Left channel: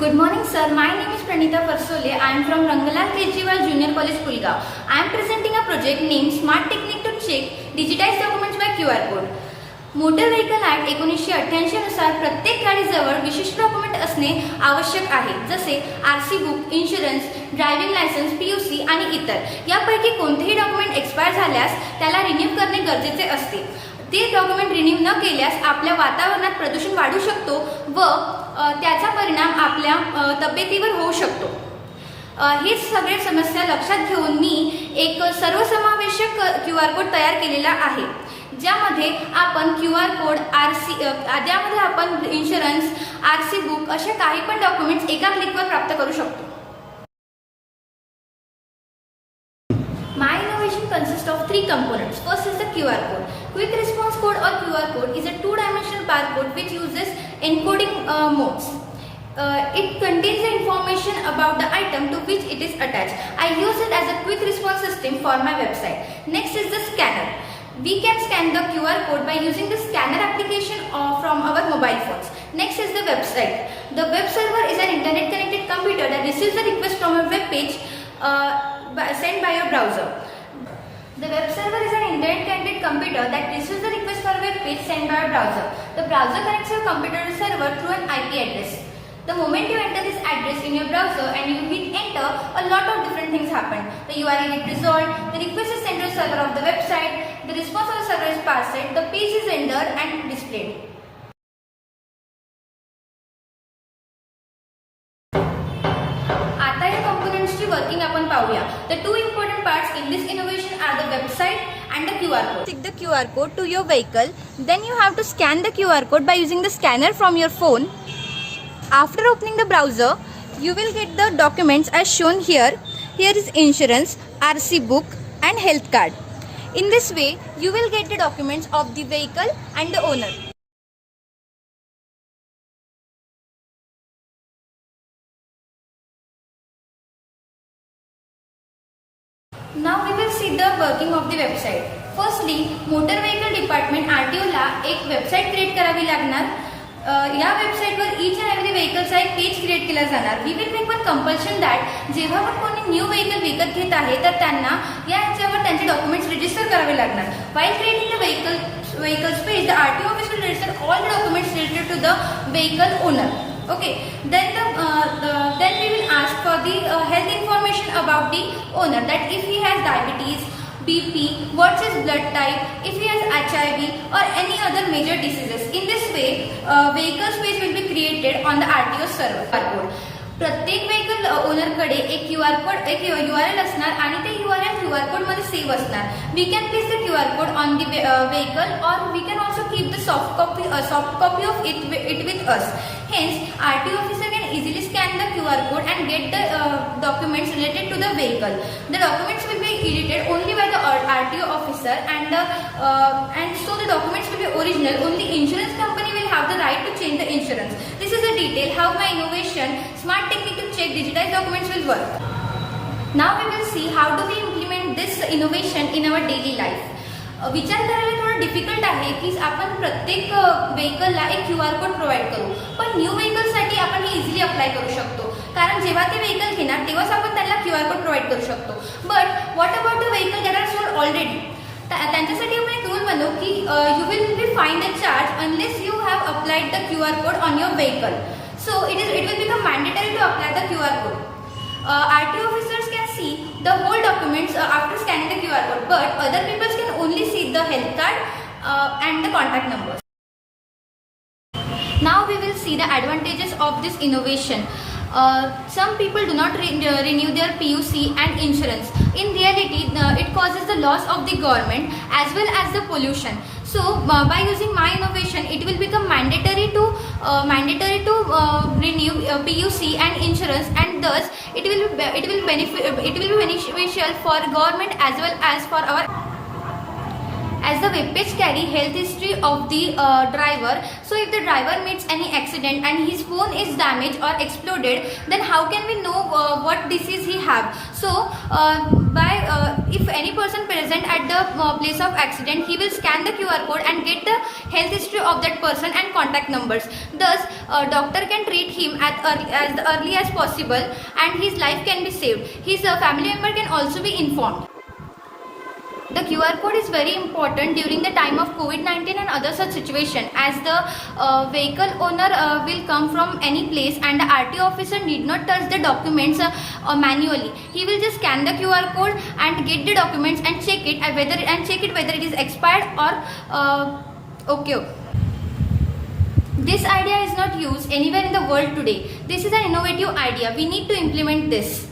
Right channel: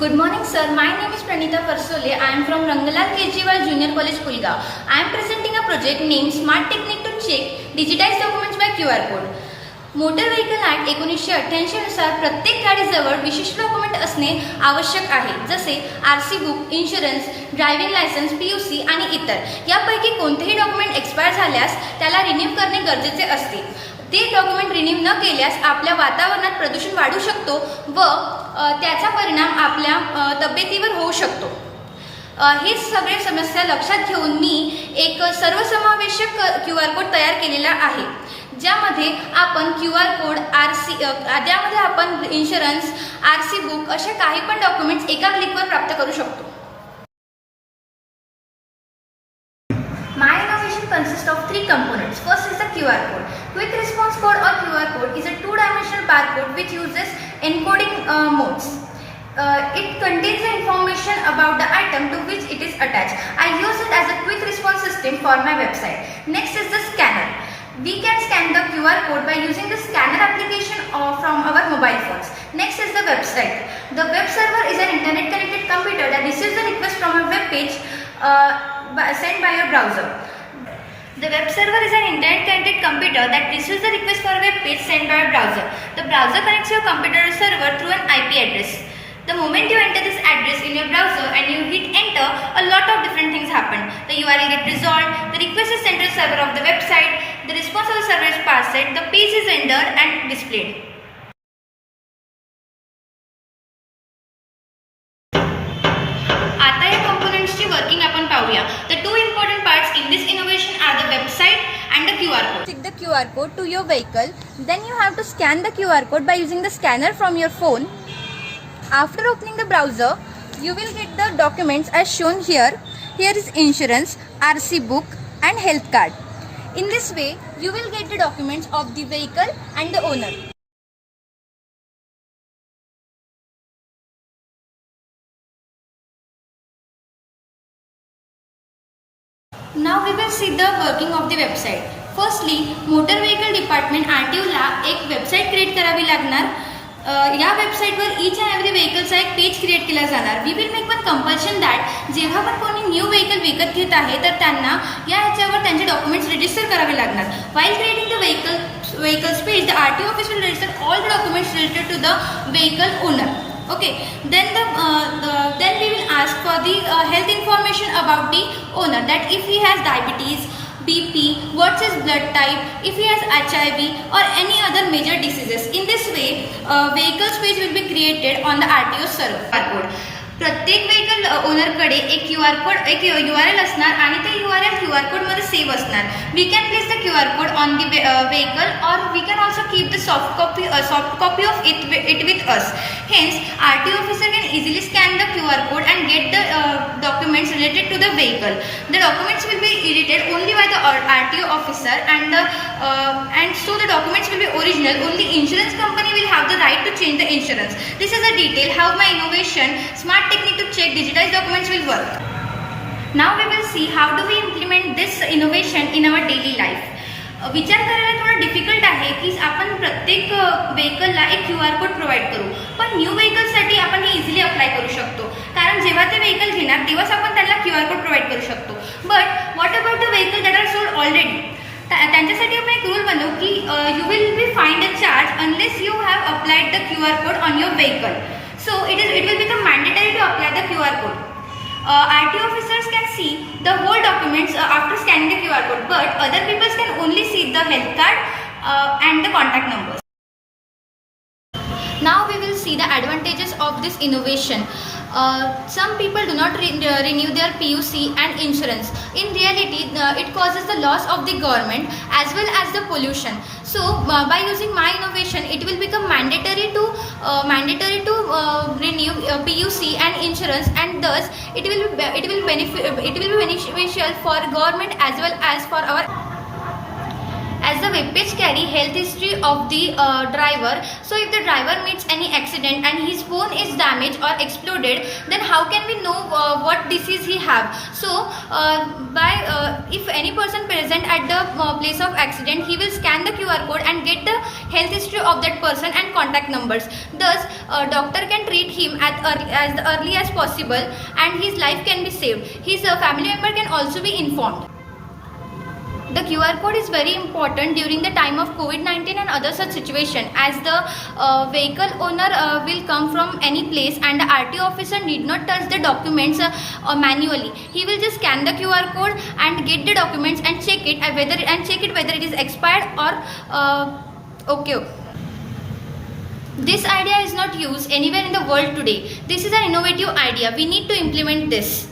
Good morning, sir. My name is Pranita Farsole. I am from Rangalal Kejriwal Junior College, Kulgaon. I am presenting a project named Smart Technique to check digitized documents by QR code. Motor vehicle act 1988 नुसार प्रत्येक गाडीजवळ विशिष्ट document असणे आवश्यक आहे, जसे RC book, insurance, driving licence, PUC आणि इतर. यापैकी कोणतेही डॉक्युमेंट एक्सपायर झाल्यास त्याला रिन्यू करणे गरजेचे असते. ते डॉक्युमेंट रिन्यू न केल्यास आपल्या वातावरणात प्रदूषण वाढू शकतो व त्याचा परिणाम आपल्या तब्येतीवर होऊ शकतो. ही सगळी समस्या लक्षात घेऊन मी एक सर्वसमावेशक QR कोड तयार केलेला आहे, ज्यामध्ये आपण QR कोड, ज्यामध्ये आपण इन्शुरन्स, आरसी बुक असे काही पण डॉक्युमेंट्स एका क्लिकवर प्राप्त करू शकतो. My innovation consists of three components. First is the QR code. Quick response code or QR code is a two-dimensional barcode which uses encoding modes. It contains the information about the item to which it is attached. I use it as a quick response system for my website. Next is the scanner. We can scan the QR code by using the scanner application from our mobile phones. Next is the website. The web server is an internet connected computer that receives a request from a web page sent by your browser. The web server is an internet connected computer that receives the request for a web page sent by a browser. The browser connects your computer to server through an IP address. The moment you enter this address in your browser and you hit enter, a lot of different things happen. The URL gets resolved, the request is sent to the server of the website, the response of the server is parsed, the page is rendered and displayed. आता या componentsची working आपण पाहूया. The two important parts in this innovation are the website and the QR code. Stick the QR code to your vehicle. Then you have to scan the QR code by using the scanner from your phone. After opening the browser, you will get the documents as shown here. Here is insurance, RC book and health card. In this way, you will get the documents of the vehicle and the owner. Now we will see the working of the website. Firstly, motor vehicle department RTO ला एक website create करावी लागणार. या वेबसाईटवर each and every व्हेकलचा एक page create केला जाणार. We will make one compulsion that जेव्हा पण कोणी न्यू व्हेकल विकत घेत आहे तर त्यांना या ह्याच्यावर त्यांचे डॉक्युमेंट्स रजिस्टर करावे लागणार. While creating the vehicles page, the RTO office will register all the documents related to the vehicle owner. Okay, then we will ask for the health information about the owner, that if he has diabetes, BP, what's his blood type, if he has HIV or any other major diseases. In this way, vehicles page will be created on the RTO server. प्रत्येक vehicle ओनरकडे एक QR code, एक URL असणार आणि ते URL QR code मध्ये save असणार. We can place the QR code on the vehicle और we can also keep the soft copy of it with us. Hence, RTO officer can easily scan the QR code and get the documents related to the vehicle. The documents will be edited only by the RTO officer and so the documents will be original. Only insurance company will have the right to change the insurance. This is a detail how my innovation smart technique to check digitized documents will work. Now we will see how do we implement this innovation in our daily life. विचार करायला थोडं difficult आहे की आपण प्रत्येक व्हेकलला एक QR code provide करू, पण न्यू व्हेकलसाठी आपण हे इझिली अप्लाय करू शकतो. कारण जेव्हा ते व्हेकल घेणार तेव्हाच आपण त्यांना QR कोड प्रोव्हाइड करू शकतो. But what about the vehicle that are sold already, त्यांच्यासाठी आपण एक रूल बनवू की you will be find a charge unless you have applied the QR code on your vehicle. So it will become mandatory to apply the QR code. RTO officers can see the whole documents after scanning the QR code, but other people can only see the health card and the contact numbers. Now we will see the advantages of this innovation. Some people do not renew their PUC and insurance. In reality, it causes the loss of the government as well as the pollution. So by using my innovation, it will become mandatory to renew PUC and insurance, and thus it will be beneficial for government as well as for as the web page carry health history of the driver. So if the driver meets any accident and his phone is damaged or exploded, then how can we know what disease he have? So if any person present at the place of accident, he will scan the QR code and get the health history of that person and contact numbers. Thus doctor can treat him as early as possible and his life can be saved. His family member can also be informed. The QR code is very important during the time of COVID-19 and other such situation, as the vehicle owner will come from any place and the RTO officer need not touch the documents manually. He will just scan the QR code and get the documents and check it whether it is expired or okay. This idea is not used anywhere in the world today. This is an innovative idea. We need to implement this.